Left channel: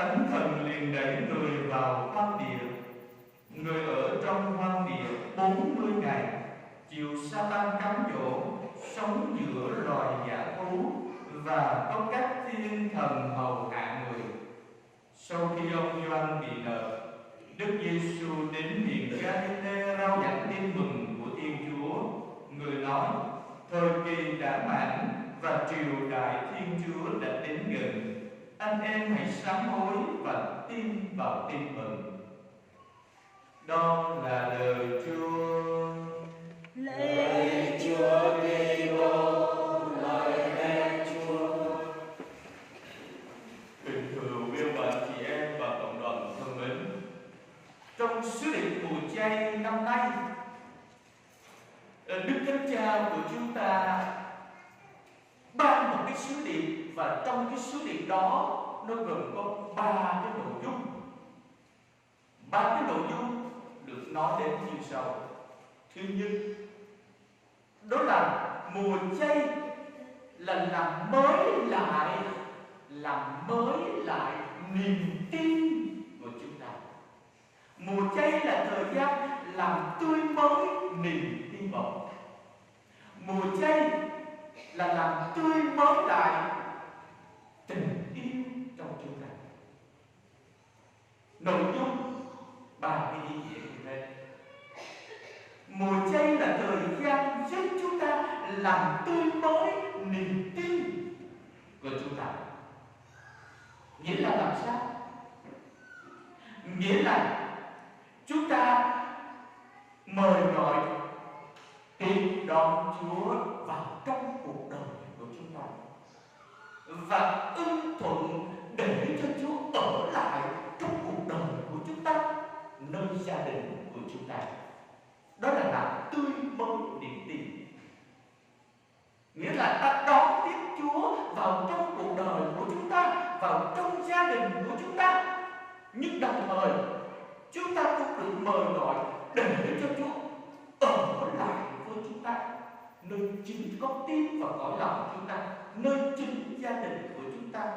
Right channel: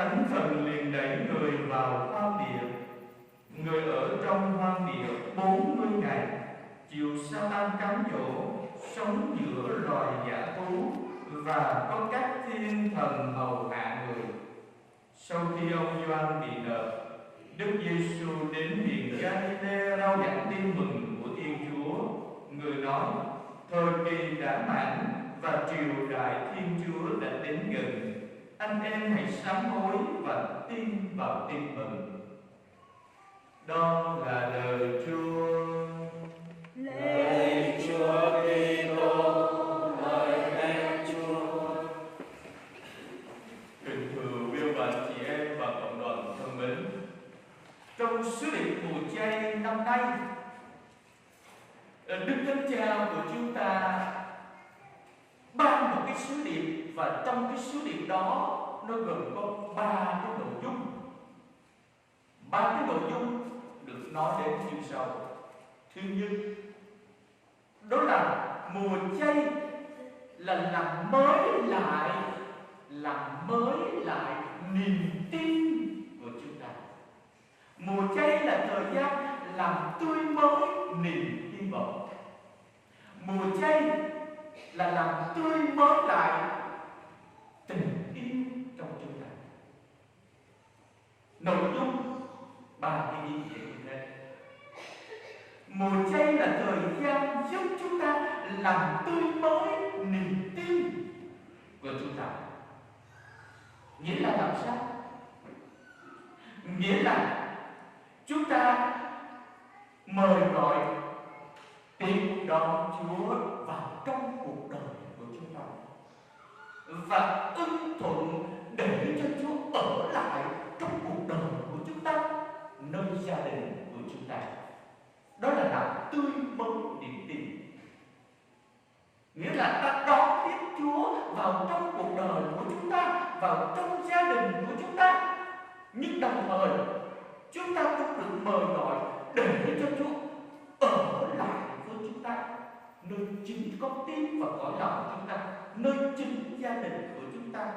Thánh thần liền đẩy người vào hoang địa. Người ở trong hoang địa 40 ngày, chịu Sa-tan cám dỗ, sống giữa loài dã thú và có các thiên thần hầu hạ người. Sau khi ông Gioan bị nợ, Đức Giêsu đến miền Ga-li-lê rao giảng tin mừng của Thiên Chúa. Người nói: thời kỳ đã mãn và triều đại Thiên Chúa đã đến gần. Anh em hãy sám hối và tin vào tin mừng. Đó là lời Chúa. Lạy Chúa Kitô, lạy mẹ Chúa. Kính thưa quý bạn chị em và cộng đoàn thân mến, trong sứ điệp mùa chay năm nay, Đức Thánh Cha của chúng ta ban một cái sứ điệp, và trong cái sứ điệp đó nó gồm có 3 cái nội dung. 3 cái nội dung được nói đến như sau. Thứ nhất, đó là mùa chay là làm mới lại niềm tin của chúng ta. Mùa chay là thời gian làm tươi mới niềm hy vọng. Mùa chay là làm tươi mới lại tình yêu trong chúng ta. Nội dung 3 cái ý nghĩa như thế. Mùa chay là thời gian giúp chúng ta làm tươi mới niềm tin của chúng ta. Nghĩa là làm sao? Nghĩa là chúng ta mời gọi tiếp đón Chúa vào trong cuộc đời của chúng ta và ưng thuận để cho Chúa ở lại trong cuộc đời của chúng ta, nơi gia đình của chúng ta. Đó là làm tươi mới niềm tin. Nghĩa là ta đón tiếp Chúa vào trong cuộc đời của chúng ta, vào trong gia đình của chúng ta. Nhưng đồng thời chúng ta cũng được mời gọi để cho Chúa ở lại với chúng ta, nơi chính con tim và cõi lòng chúng ta, nơi chính gia đình của chúng ta.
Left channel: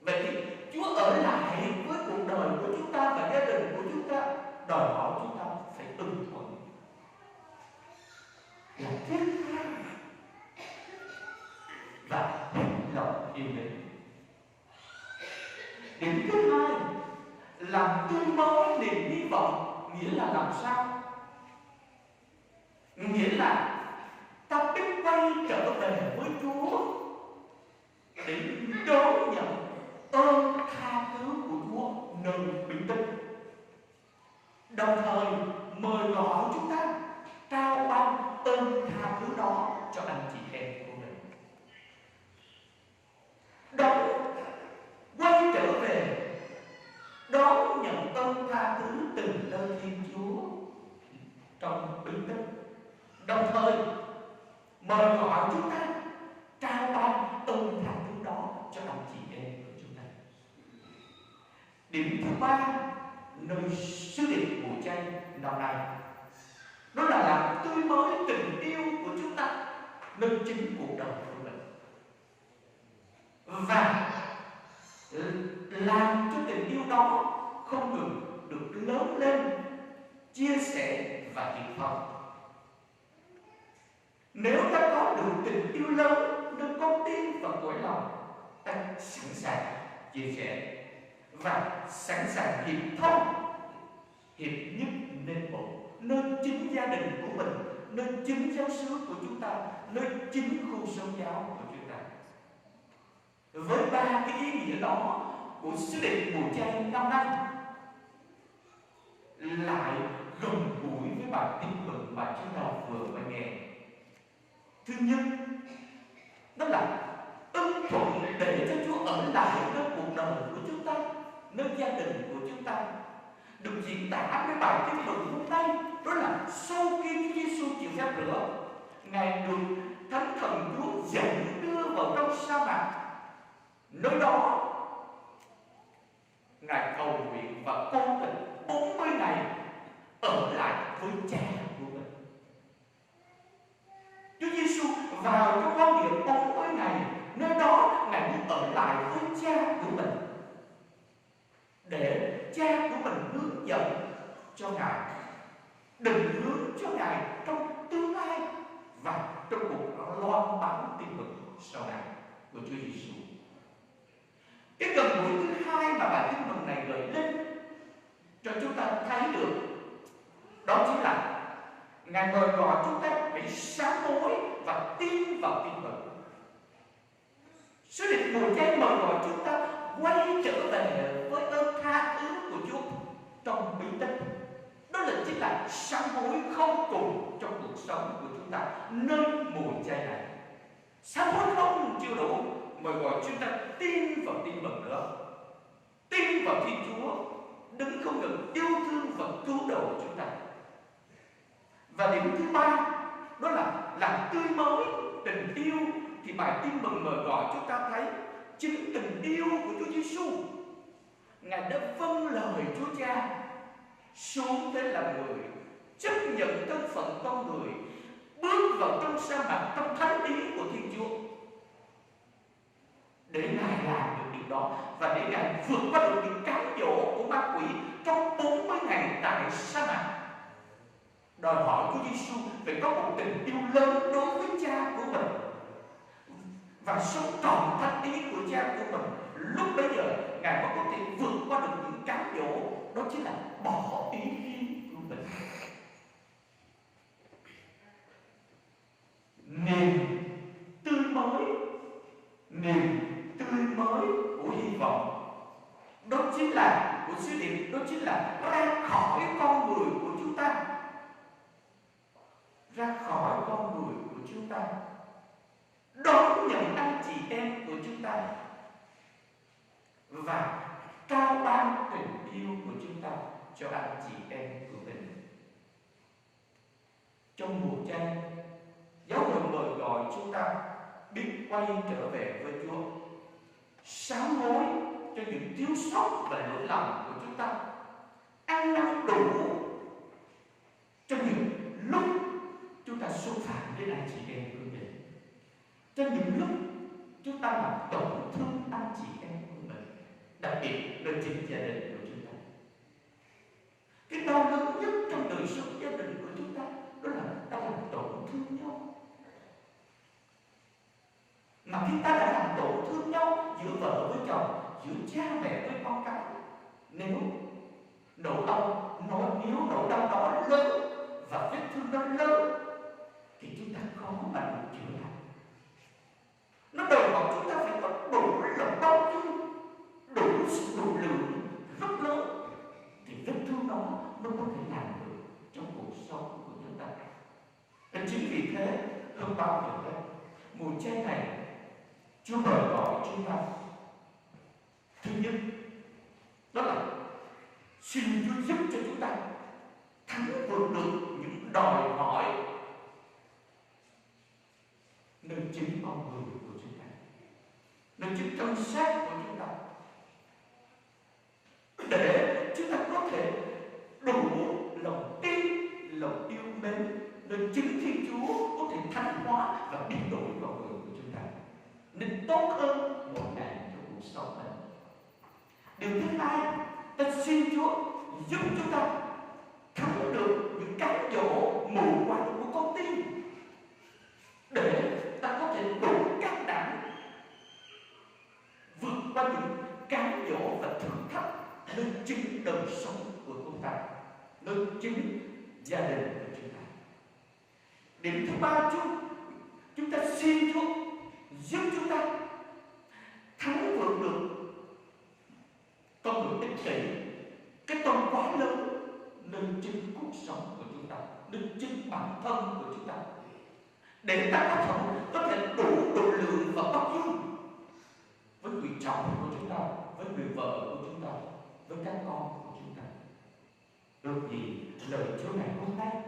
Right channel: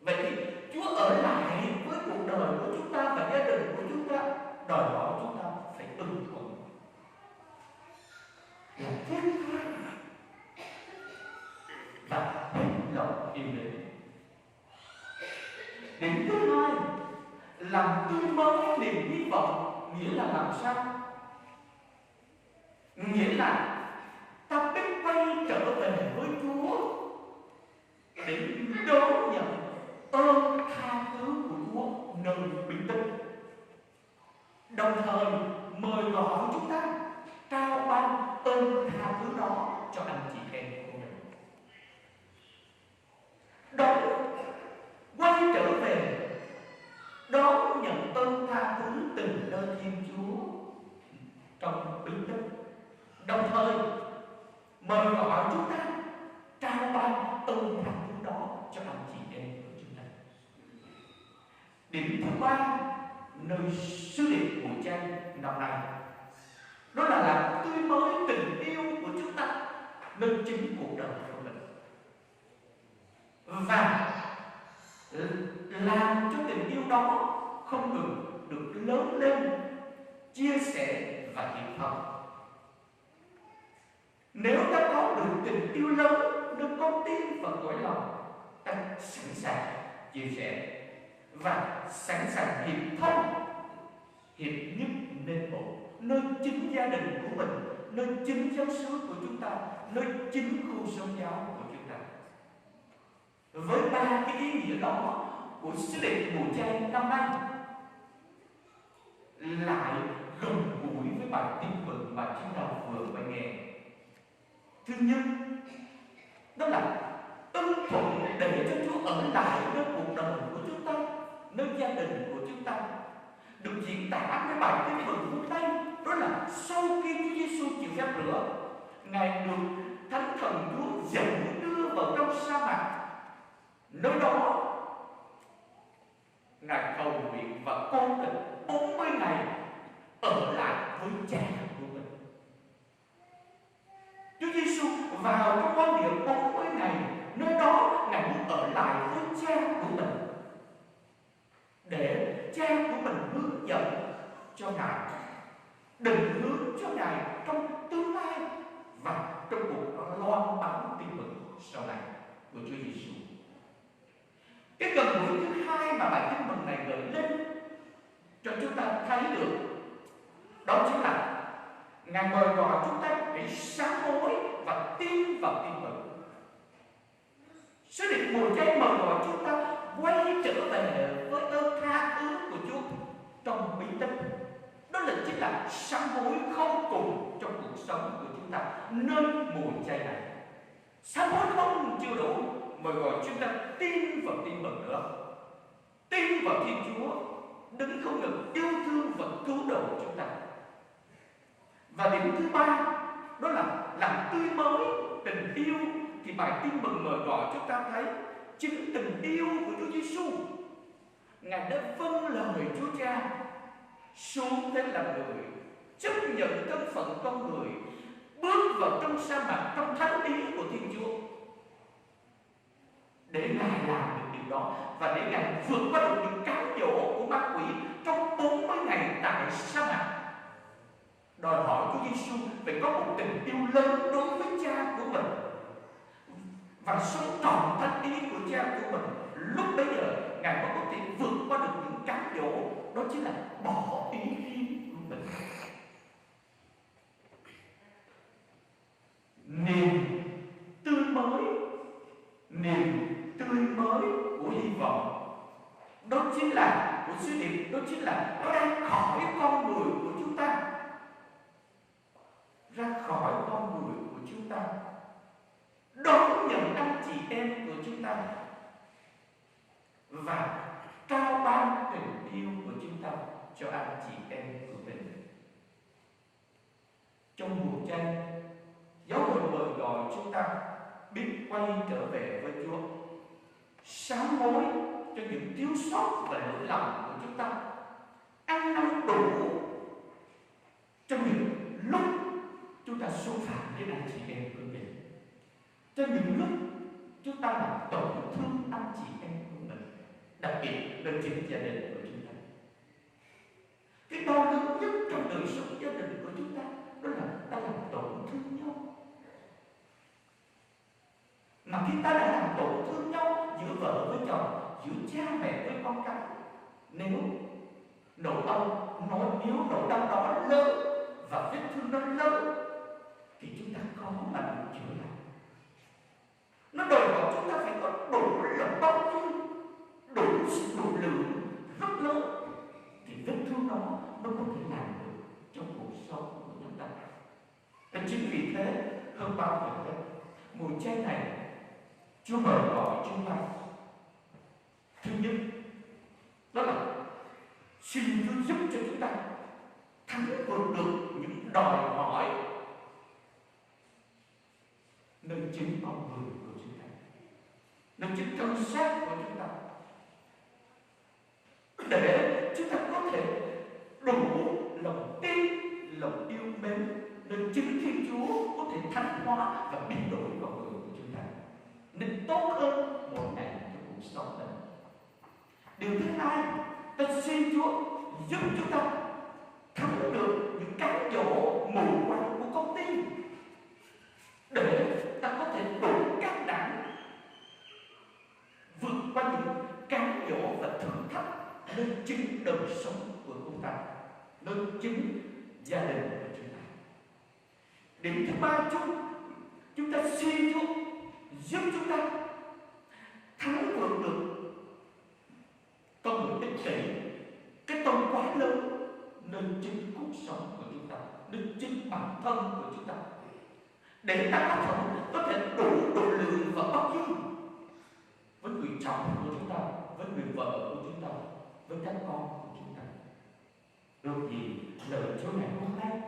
Vậy thì Chúa ở lại với cuộc đời của chúng ta và gia đình của chúng ta, đòi hỏi chúng ta phải ưng thuận, là thiết tha và hết lòng yêu mến. Điểm thứ hai, làm tươi mới niềm hy vọng. Nghĩa là làm sao? Nghĩa là ta biết quay trở về với Chúa để đón nhận ơn tha thứ của Chúa nơi bình tĩnh. Đồng thời mời gọi chúng ta trao ban ơn tha thứ đó cho anh chị em của mình. Đó, quay trở về đón nhận ơn tha thứ từ nơi Thiên Chúa trong bình tĩnh. Đồng thời mời gọi chúng ta trao ban ơn tha thứ đó cho anh chị em của chúng ta. Điểm thứ ba, nơi sứ điệp mùa chay năm nay, đó là làm tươi mới tình yêu của chúng ta nơi chính cuộc đời của mình, và làm cho tình yêu đó không ngừng được lớn lên, chia sẻ và hiệp thông. Nếu ta có được tình yêu lớn nơi con tim và cõi lòng, ta sẵn sàng chia sẻ và sẵn sàng hiệp thông, hiệp nhất nên một, nơi chính gia đình của mình, nơi chính giáo xứ của chúng ta, nơi chính khu sống giáo của chúng ta. Với 3 cái ý nghĩa đó của sứ điệp mùa chay năm nay, lại gần gũi với bài tin mừng mà chúng ta vừa mới nghe. Thứ nhất, đó là ưng thuận để cho Chúa ở lại nơi cuộc đời của chúng ta, nơi gia đình của chúng ta, được diễn tả với bài tin mừng hôm nay. Đó là sau khi Chúa Giêsu chịu phép rửa, Ngài được Thánh Thần Chúa dẫn đưa vào trong sa mạc. Nơi đó Ngài cầu nguyện và con tình 40 ngày ở lại với cha của mình. Chúa Giêsu vào trong hoang địa 40 ngày, nơi đó Ngài muốn ở lại với cha của mình. cho Ngài, định hướng cho Ngài trong tương lai và trong cuộc loan báo tin mừng sau này của Chúa Giêsu. Cái gần gũi thứ hai mà bài tin mừng này gợi lên cho chúng ta thấy được, đó chính là Ngài mời gọi chúng ta hãy sám hối và tin vào tin mừng. Sứ điệp mùa chay mời gọi chúng ta quay trở về với ơn tha thứ của Chúa trong bí tích. Đó là chính là sám hối không cùng trong cuộc sống của chúng ta nơi mùa chay này. Sám hối không chưa đủ, mời gọi chúng ta tin vào tin mừng nữa. Tin vào Thiên Chúa đứng không ngừng yêu thương và cứu độ chúng ta. Và điểm thứ ba, đó là làm tươi mới tình yêu. Thì bài tin mừng mời gọi chúng ta thấy chính tình yêu của Chúa Giêsu. Ngài đã vâng lời Chúa Cha xuống thế làm người, chấp nhận thân phận con người, bước vào trong sa mạc trong thánh ý của Thiên Chúa, để Ngài làm được điều đó và để Ngài vượt qua được những cám dỗ của ma quỷ trong 40 ngày tại sa mạc. Đòi hỏi Chúa Giêsu phải có một tình yêu lớn đối với Cha của mình và sống trọn thánh ý của Cha của mình. Lúc bấy giờ Ngài mới có thể vượt qua được những cám dỗ, đó chính là bỏ ý riêng của mình. Niềm tươi mới, niềm tươi mới của hy vọng, đó chính là của sứ điệp, đó chính là ra khỏi con người của chúng ta, ra khỏi con người của chúng ta, đón nhận anh chị em của chúng ta và trao ban tình yêu của chúng ta cho anh chị em của mình. Trong mùa chay, giáo hội mời gọi chúng ta biết quay trở về với Chúa, sám hối cho những thiếu sót và lỗi lầm của chúng ta, ăn năn đủ cho những lúc chúng ta xúc phạm đến anh chị em của mình, cho những lúc chúng ta làm tổn thương anh chị em của mình, đặc biệt là chính gia đình của chúng ta. Cái đau đớn nhất trong đời sống gia đình của chúng ta đó là ta làm tổn thương nhau. Mà khi ta đã làm tổn thương nhau giữa vợ với chồng, giữa cha mẹ với con cái, nếu nỗi đau đó lớn và vết thương nó lớn thì chúng ta khó mà được chữa lành. Nó đòi hỏi chúng ta phải có đủ lòng bao dung, đủ sự độ lượng rất lớn thì vết thương đó mới có thể làm được trong cuộc sống của chúng ta. Và chính vì thế, hơn bao giờ hết, mùa chay này Chúa mời gọi chúng ta, thứ nhất đó là xin Chúa giúp cho chúng ta thắng vượt được những đòi hỏi nơi chính con người của chúng ta, nơi chính thân xác của chúng ta, để chúng ta có thể đủ lòng tin, lòng yêu mến, nơi chính Thiên Chúa có thể thánh hóa và biến đổi con người của chúng ta nên tốt hơn mỗi ngày trong cuộc sống này. Điều thứ hai, ta xin Chúa giúp chúng ta thắng được những cám dỗ mù quáng của con tim, để ta có thể đủ can đảm vượt qua những cám dỗ và thử thách nơi chính đời sống của chúng ta, nơi chính gia đình của chúng ta. Điểm thứ ba, chúng ta xin Chúa giúp chúng ta thắng vượt được con người ích kỷ, cái tôi quá lớn nơi chính cuộc sống của chúng ta, nơi chính bản thân của chúng ta, để ta có thể đủ độ lượng và bao dung với người chồng của chúng ta, với người vợ của chúng ta, với các con của chúng ta. Ước gì lời Chúa ngày hôm nay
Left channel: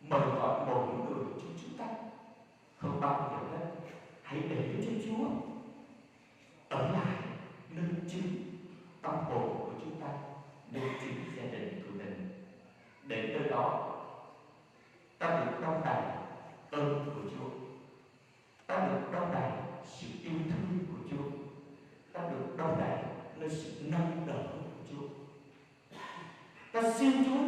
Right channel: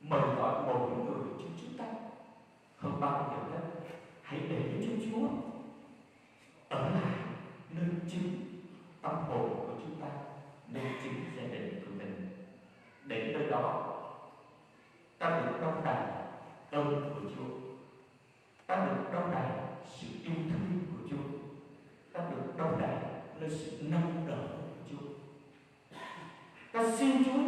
mời gọi mỗi người trong chúng ta hơn bao giờ hết, hãy để cho Chúa ở lại nơi chính tâm hồn của chúng ta, nơi chính gia đình của mình, để nơi đó ta được đong đầy ơn của Chúa, ta được đong đầy sự yêu thương của Chúa, ta được đong đầy nơi sự nâng đỡ của Chúa. Ta xin Chúa